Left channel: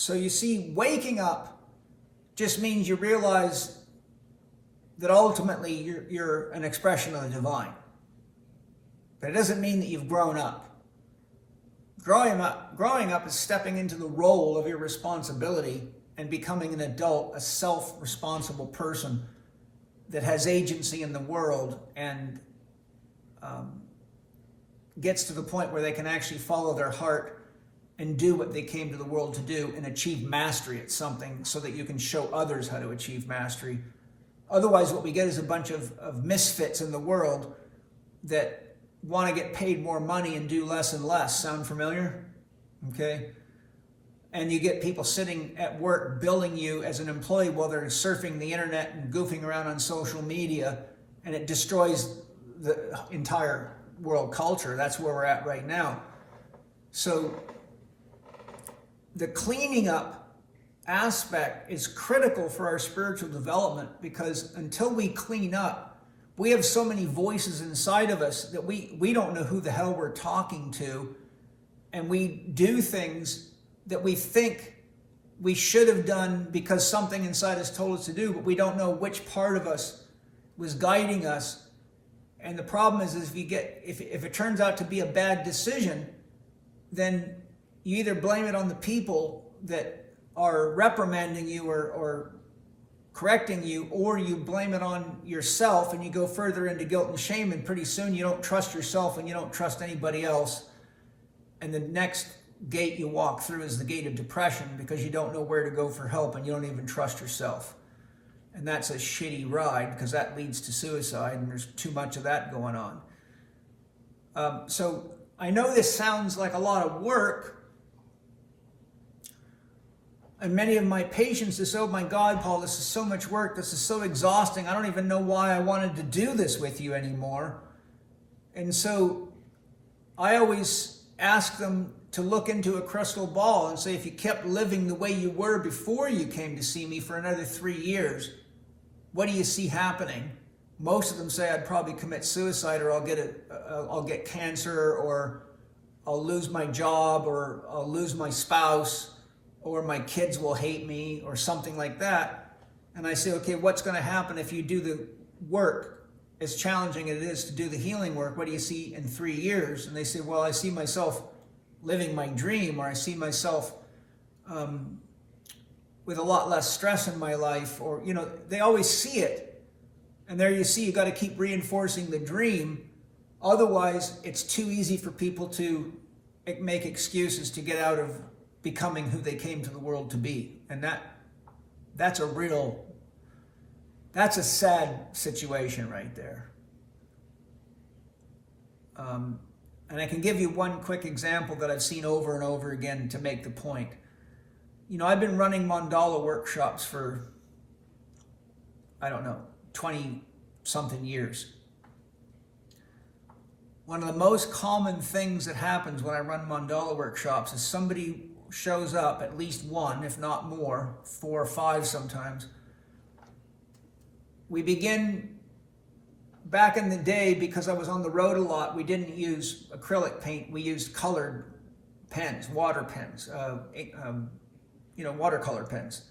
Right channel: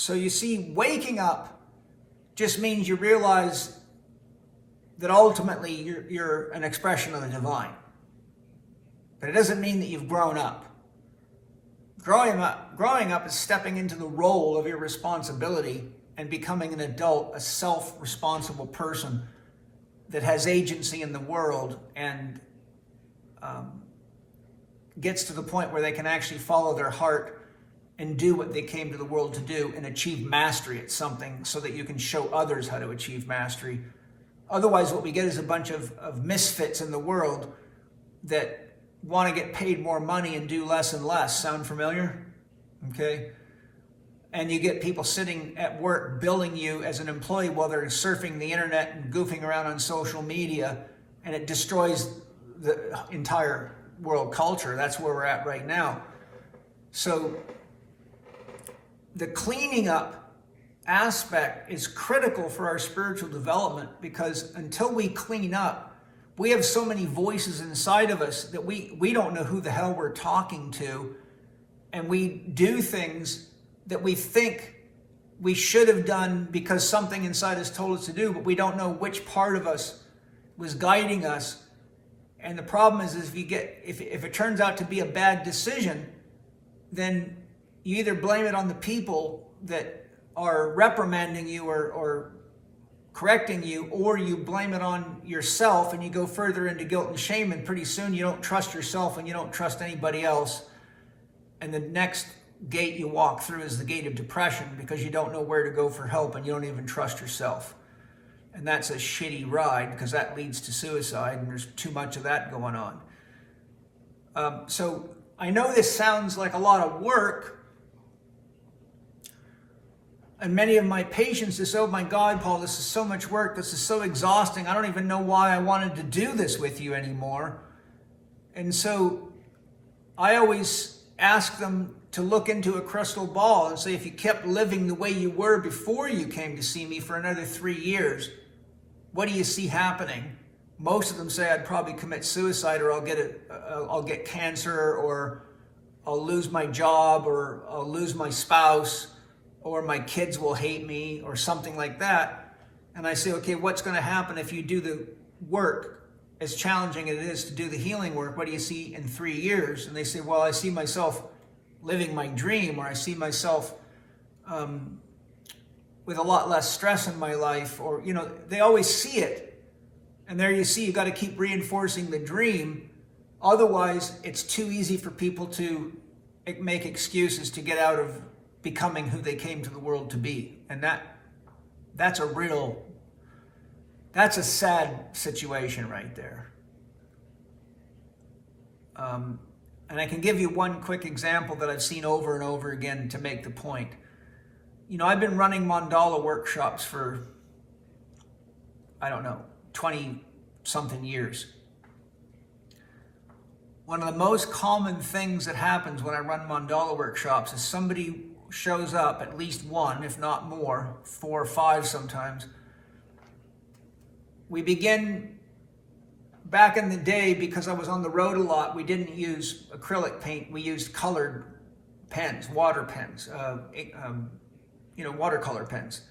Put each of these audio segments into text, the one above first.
So you see, waking up just means you realize that ultimately you're an expression of the divine. But it doesn't mean that you've grown up. Growing up is stepping into the role of your responsibility and becoming an adult, a self-responsible person that has agency in the world and gets to the point where they can actually follow their heart and do what they came to the world to do and achieve mastery at something so that you can show others how to achieve mastery. Otherwise, what we get is a bunch of misfits in the world that want to get paid more money and do less and less. Sound familiar? Okay. And you get people sitting at work billing you as an employee while they're surfing the internet and goofing around on social media, and it destroys the entire world culture. That's where we're at right now. So the cleaning up aspect is critical for our spiritual development, because until we clean up, we have so many voices inside of us that we don't know who the hell we're talking to, and we do things that we think we should have done because something inside us told us to do, but we don't know which part of us was guiding us. And the problem is if it turns out to be a bad decision, then you either blame it on the people that are reprimanding you or correcting you, or you blame it on yourself and you go further into guilt and shame, and pretty soon you don't trust yourself and you don't trust anybody else. And the next gate you walk through is the gate of depression, because you don't know where to go for help and you don't even trust yourself. And that's a shitty ride, because that leads to suicide, and there's too much of that going on. So I know this sounds like a lot of work, and many of my patients say, oh my God, Paul, this is so much work. This is so exhausting. I don't even know why I wanted to do this with you anymore. And so I always ask them to look into a crystal ball and say, if you kept living the way you were before you came to see me for another 3 years, what do you see happening? Most of them say I'd probably commit suicide, or I'll get cancer, or I'll lose my job, or I'll lose my spouse, or my kids will hate me, or something like that. And I say, okay, what's going to happen if you do the work, as challenging as it is to do the healing work? What do you see in 3 years? And they say, well, I see myself living my dream, or I see myself with a lot less stress in my life, or, they always see it. And there you see, you got to keep reinforcing the dream. Otherwise, it's too easy for people to make excuses to get out of becoming who they came to the world to be. And that's a sad situation right there. And I can give you one quick example that I've seen over and over again to make the point. I've been running mandala workshops for, 20 something years. One of the most common things that happens when I run mandala workshops is somebody shows up, at least one, if not more, 4 or 5 sometimes. We begin, back in the day, because I was on the road a lot, we didn't use acrylic paint, we used colored pens, water pens, watercolor pens,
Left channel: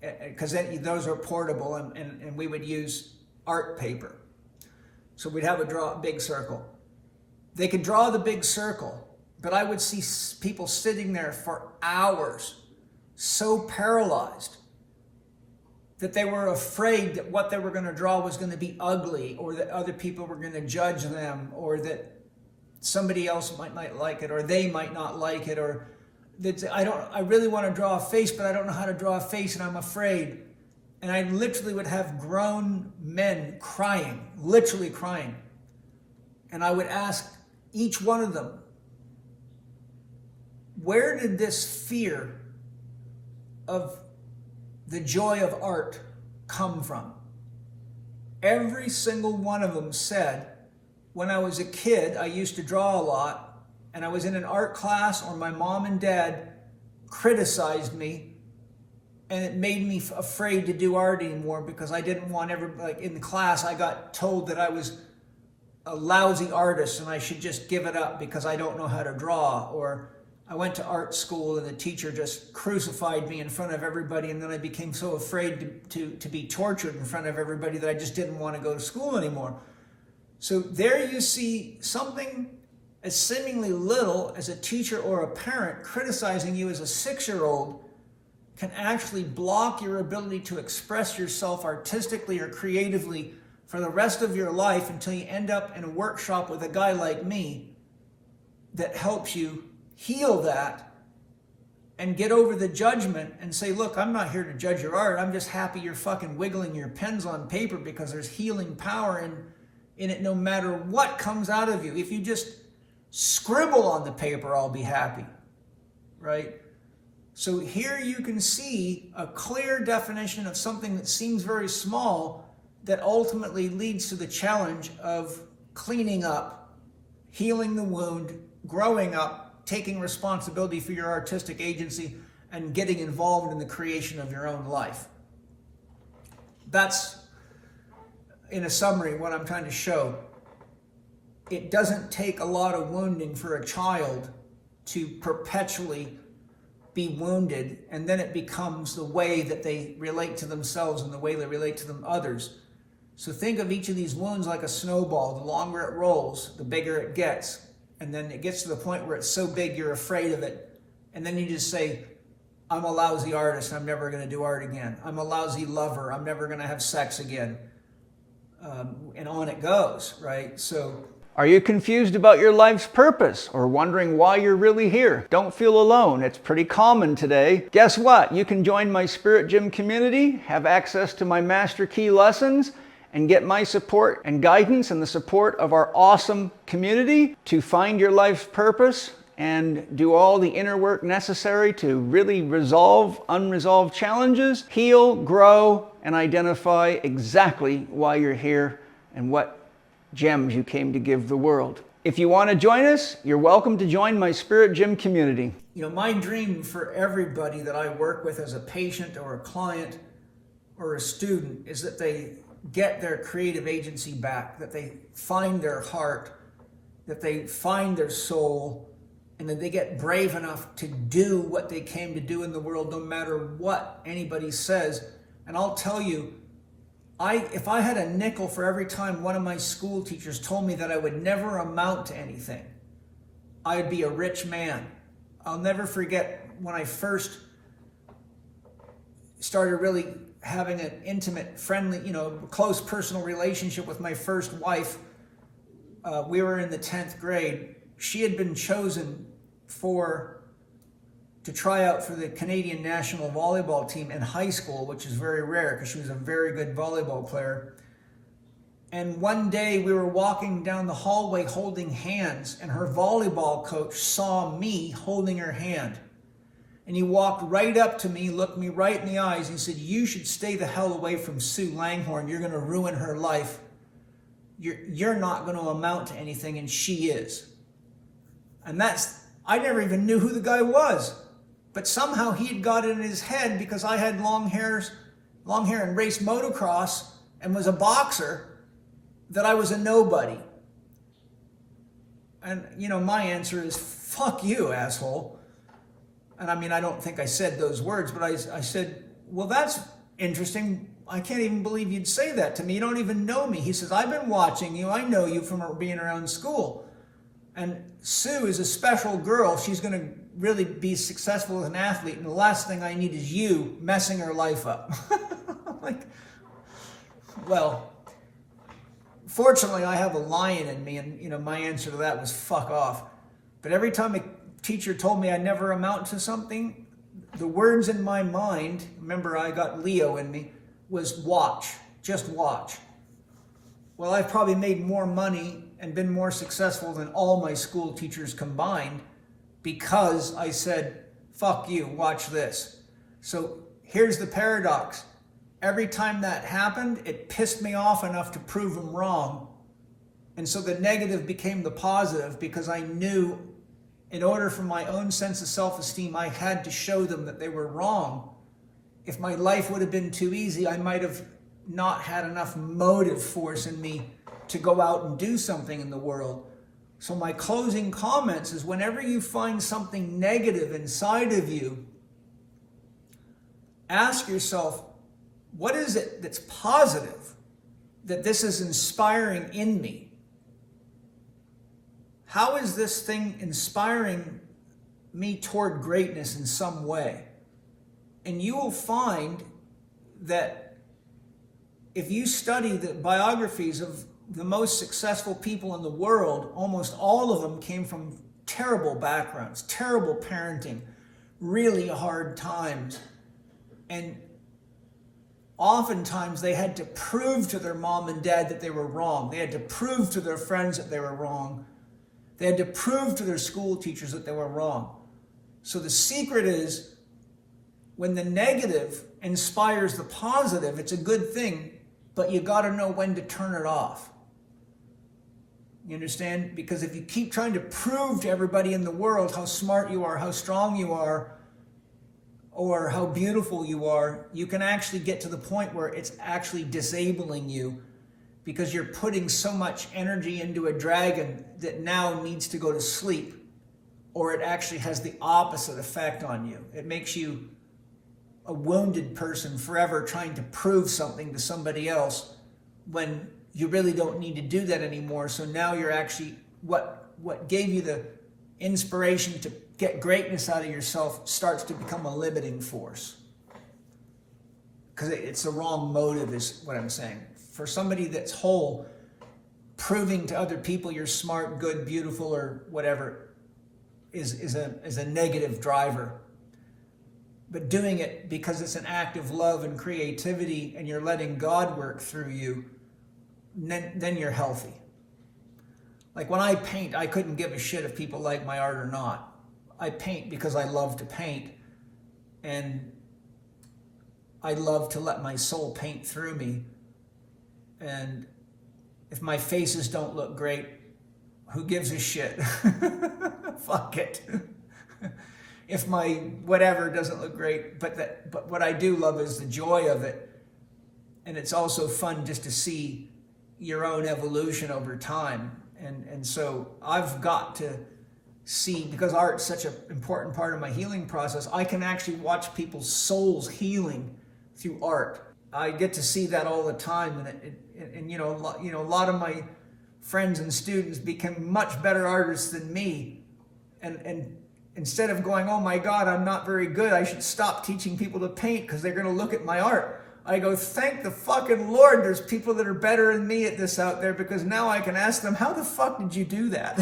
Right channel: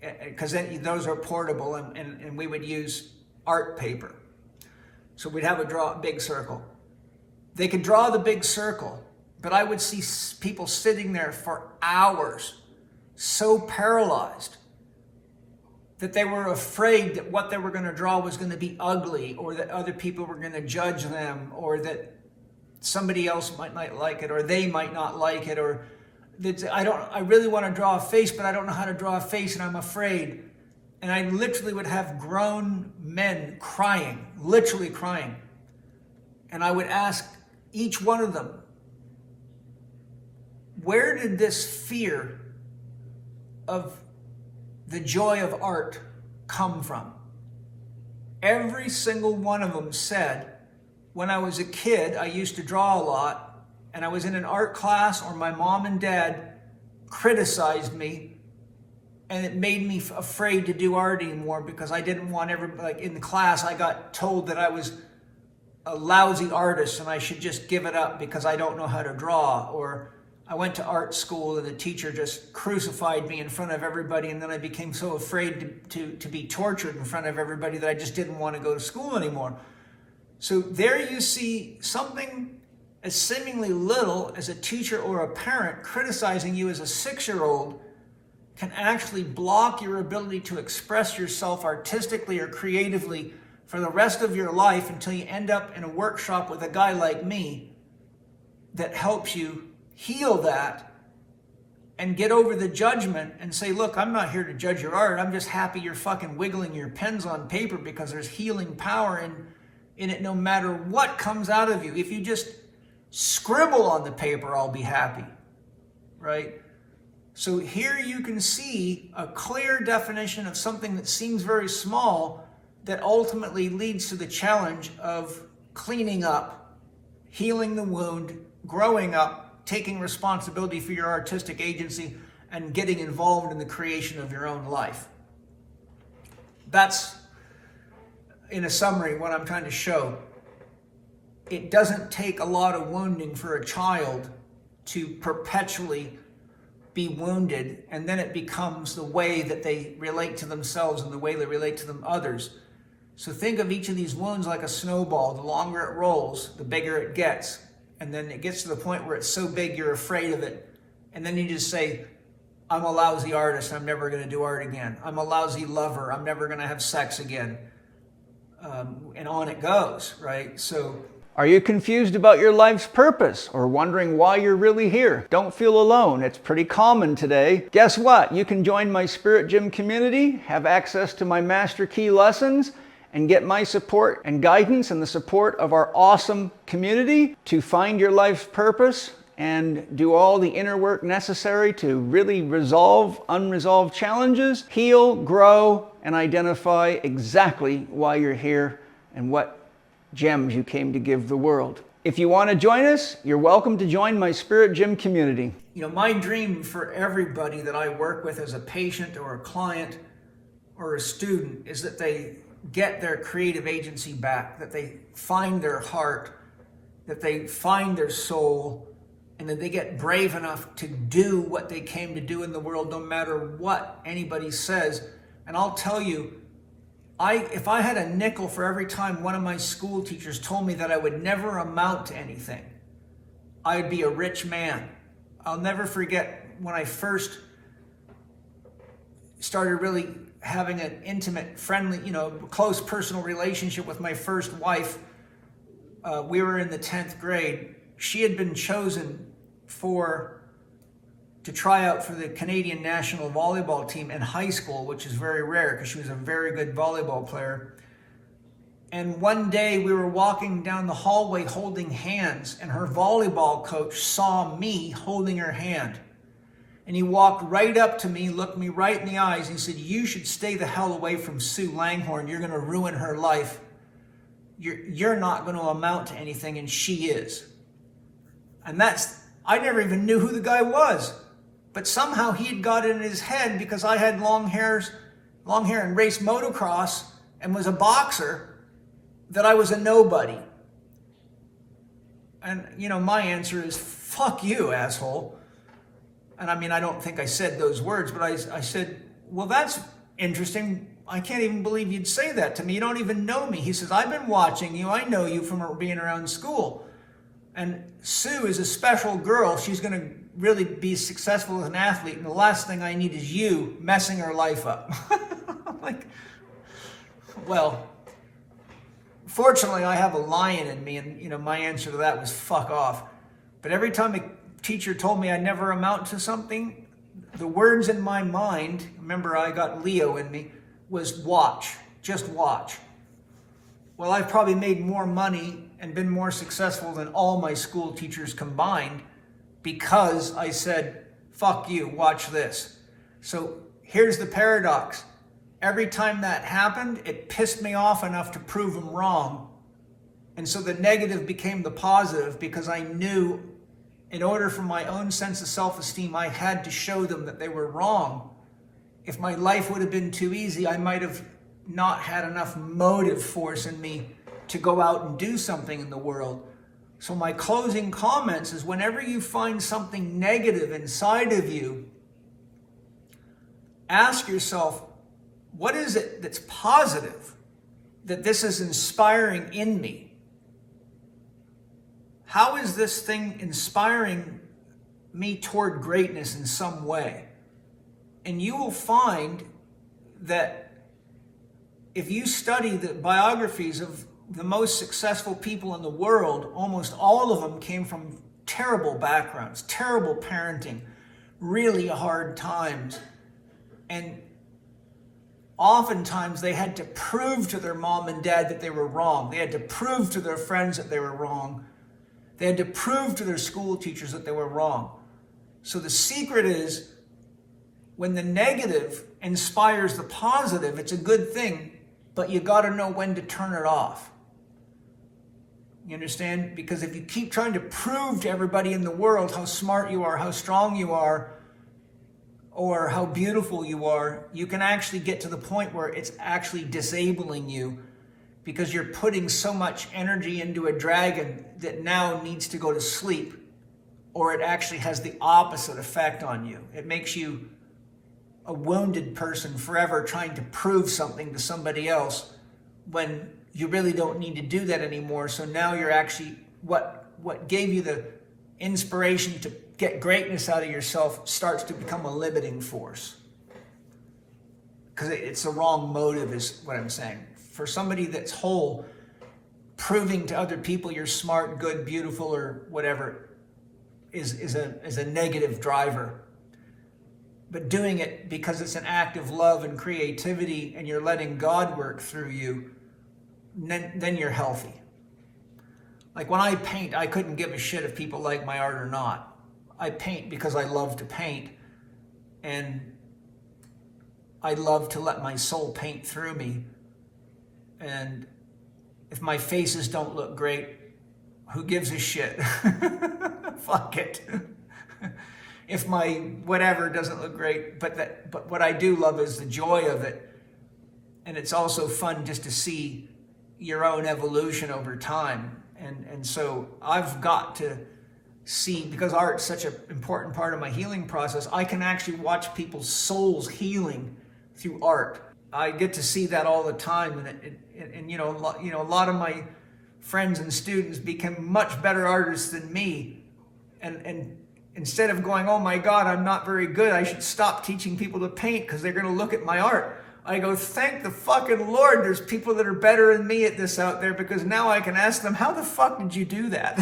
because those are portable, and we would use art paper. So we'd have draw a big circle. They could draw the big circle, but I would see people sitting there for hours, so paralyzed that they were afraid that what they were going to draw was going to be ugly, or that other people were going to judge them, or that somebody else might not like it, or they might not like it, or that I really want to draw a face, but I don't know how to draw a face, and I'm afraid. And I literally would have grown men crying, literally crying. And I would ask each one of them, where did this fear of the joy of art come from? Every single one of them said, when I was a kid, I used to draw a lot, and I was in an art class, or my mom and dad criticized me, and it made me afraid to do art anymore, because I didn't want in the class, I got told that I was a lousy artist and I should just give it up because I don't know how to draw, or I went to art school and the teacher just crucified me in front of everybody, and then I became so afraid to be tortured in front of everybody that I just didn't want to go to school anymore. So there you see something as seemingly little as a teacher or a parent criticizing you as a 6-year-old can actually block your ability to express yourself artistically or creatively for the rest of your life until you end up in a workshop with a guy like me that helps you heal that and get over the judgment and say, look, I'm not here to judge your art. I'm just happy you're fucking wiggling your pens on paper, because there's healing power in it no matter what comes out of you. If you just scribble on the paper, I'll be happy, right? So here you can see a clear definition of something that seems very small that ultimately leads to the challenge of cleaning up, healing the wound, growing up, taking responsibility for your artistic agency, and getting involved in the creation of your own life. That's, in a summary, what I'm trying to show. It doesn't take a lot of wounding for a child to perpetually be wounded, and then it becomes the way that they relate to themselves and the way they relate to others. So think of each of these wounds like a snowball. The longer it rolls, the bigger it gets. And then it gets to the point where it's so big you're afraid of it. And then you just say, I'm a lousy artist, I'm never going to do art again. I'm a lousy lover, I'm never going to have sex again. And on it goes, right? So, are you confused about your life's purpose or wondering why you're really here? Don't feel alone. It's pretty common today. Guess what? You can join my Spirit Gym community, have access to my Master Key lessons, and get my support and guidance and the support of our awesome community to find your life's purpose and do all the inner work necessary to really resolve unresolved challenges, heal, grow, and identify exactly why you're here and what gems you came to give the world. If you want to join us, you're welcome to join my Spirit Gym community. You know, my dream for everybody that I work with as a patient or a client or a student is that they get their creative agency back, that they find their heart, that they find their soul, and that they get brave enough to do what they came to do in the world, no matter what anybody says. And I'll tell you, if I had a nickel for every time one of my school teachers told me that I would never amount to anything, I'd be a rich man. I'll never forget when I first started really having an intimate, friendly, close personal relationship with my first wife. We were in the 10th grade. She had been chosen to try out for the Canadian national volleyball team in high school, which is very rare because she was a very good volleyball player. And one day we were walking down the hallway holding hands, and her volleyball coach saw me holding her hand. And he walked right up to me, looked me right in the eyes, and he said, "You should stay the hell away from Sue Langhorne. You're going to ruin her life. You're not going to amount to anything, and she is." And I never even knew who the guy was. But somehow he had got it in his head, because I had long hair and raced motocross and was a boxer, that I was a nobody. And, my answer is, fuck you, asshole. And I don't think I said those words, but I said, well, that's interesting. I can't even believe you'd say that to me. You don't even know me. He says, I've been watching you. I know you from being around school. And Sue is a special girl. She's going to really be successful as an athlete. And the last thing I need is you messing her life up. I'm like, well, fortunately, I have a lion in me. And, my answer to that was fuck off. But every time a teacher told me I never amount to something, the words in my mind, remember I got Leo in me, was watch, just watch. Well, I've probably made more money and been more successful than all my school teachers combined because I said, fuck you, watch this. So here's the paradox. Every time that happened, it pissed me off enough to prove them wrong. And so the negative became the positive, because I knew in order for my own sense of self-esteem, I had to show them that they were wrong. If my life would have been too easy, I might have not had enough motive force in me to go out and do something in the world. So my closing comments is, whenever you find something negative inside of you, ask yourself, what is it that's positive that this is inspiring in me? How is this thing inspiring me toward greatness in some way? And you will find that if you study the biographies of the most successful people in the world, almost all of them came from terrible backgrounds, terrible parenting, really hard times. And oftentimes they had to prove to their mom and dad that they were wrong. They had to prove to their friends that they were wrong. They had to prove to their school teachers that they were wrong. So the secret is, when the negative inspires the positive, it's a good thing, but you got to know when to turn it off. You understand? Because if you keep trying to prove to everybody in the world how smart you are, how strong you are, or how beautiful you are, you can actually get to the point where it's actually disabling you, because you're putting so much energy into a dragon that now needs to go to sleep, or it actually has the opposite effect on you. It makes you a wounded person forever trying to prove something to somebody else when you really don't need to do that anymore. So now you're actually, what gave you the inspiration to get greatness out of yourself starts to become a limiting force. Because it's the wrong motive, is what I'm saying. For somebody that's whole, proving to other people you're smart, good, beautiful, or whatever is a negative driver. But doing it because it's an act of love and creativity, and you're letting God work through you, then you're healthy. Like when I paint, I couldn't give a shit if people like my art or not. I paint because I love to paint, and I love to let my soul paint through me. And if my faces don't look great, who gives a shit? Fuck it. If my whatever doesn't look great, but what I do love is the joy of it. And it's also fun just to see your own evolution over time. And so I've got to see, because art's such an important part of my healing process, I can actually watch people's souls healing through art. I get to see that all the time, and a lot of my friends and students become much better artists than me, and instead of going, oh my God, I'm not very good, I should stop teaching people to paint because they're going to look at my art, I go, thank the fucking Lord there's people that are better than me at this out there, because now I can ask them, how the fuck did you do that?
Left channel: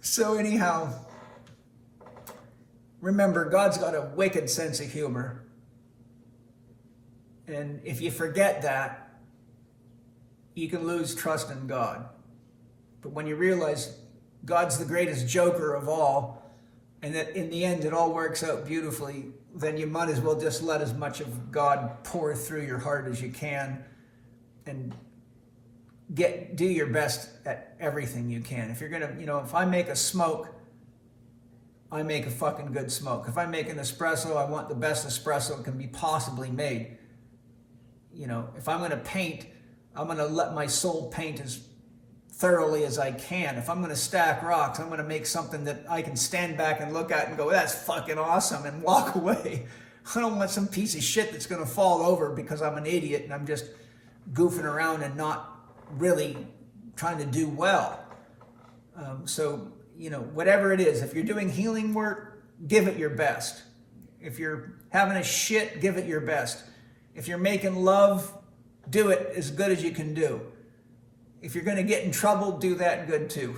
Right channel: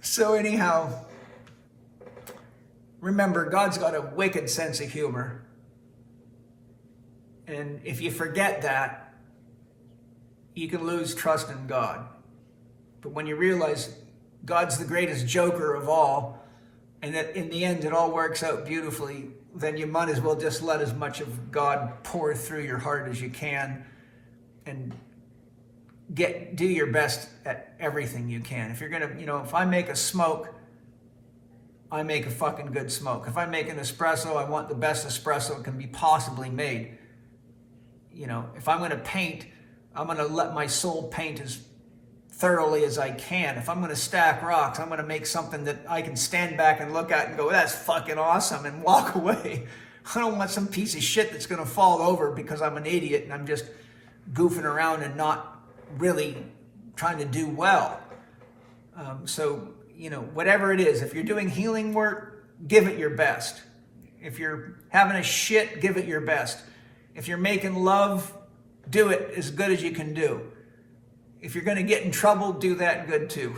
So anyhow, remember, God's got a wicked sense of humor. And if you forget that, you can lose trust in God. But when you realize God's the greatest joker of all, and that in the end it all works out beautifully, then you might as well just let as much of God pour through your heart as you can, and do your best at everything you can. If you're gonna, if I make a smoke, I make a fucking good smoke. If I make an espresso, I want the best espresso that can be possibly made. If I'm gonna paint, I'm gonna let my soul paint as thoroughly as I can. If I'm gonna stack rocks, I'm gonna make something that I can stand back and look at and go, that's fucking awesome, and walk away. I don't want some piece of shit that's gonna fall over because I'm an idiot and I'm just goofing around and not really trying to do well. So whatever it is, if you're doing healing work, give it your best. If you're having a shit, give it your best. If you're making love, do it as good as you can do. If you're going to get in trouble, do that good too.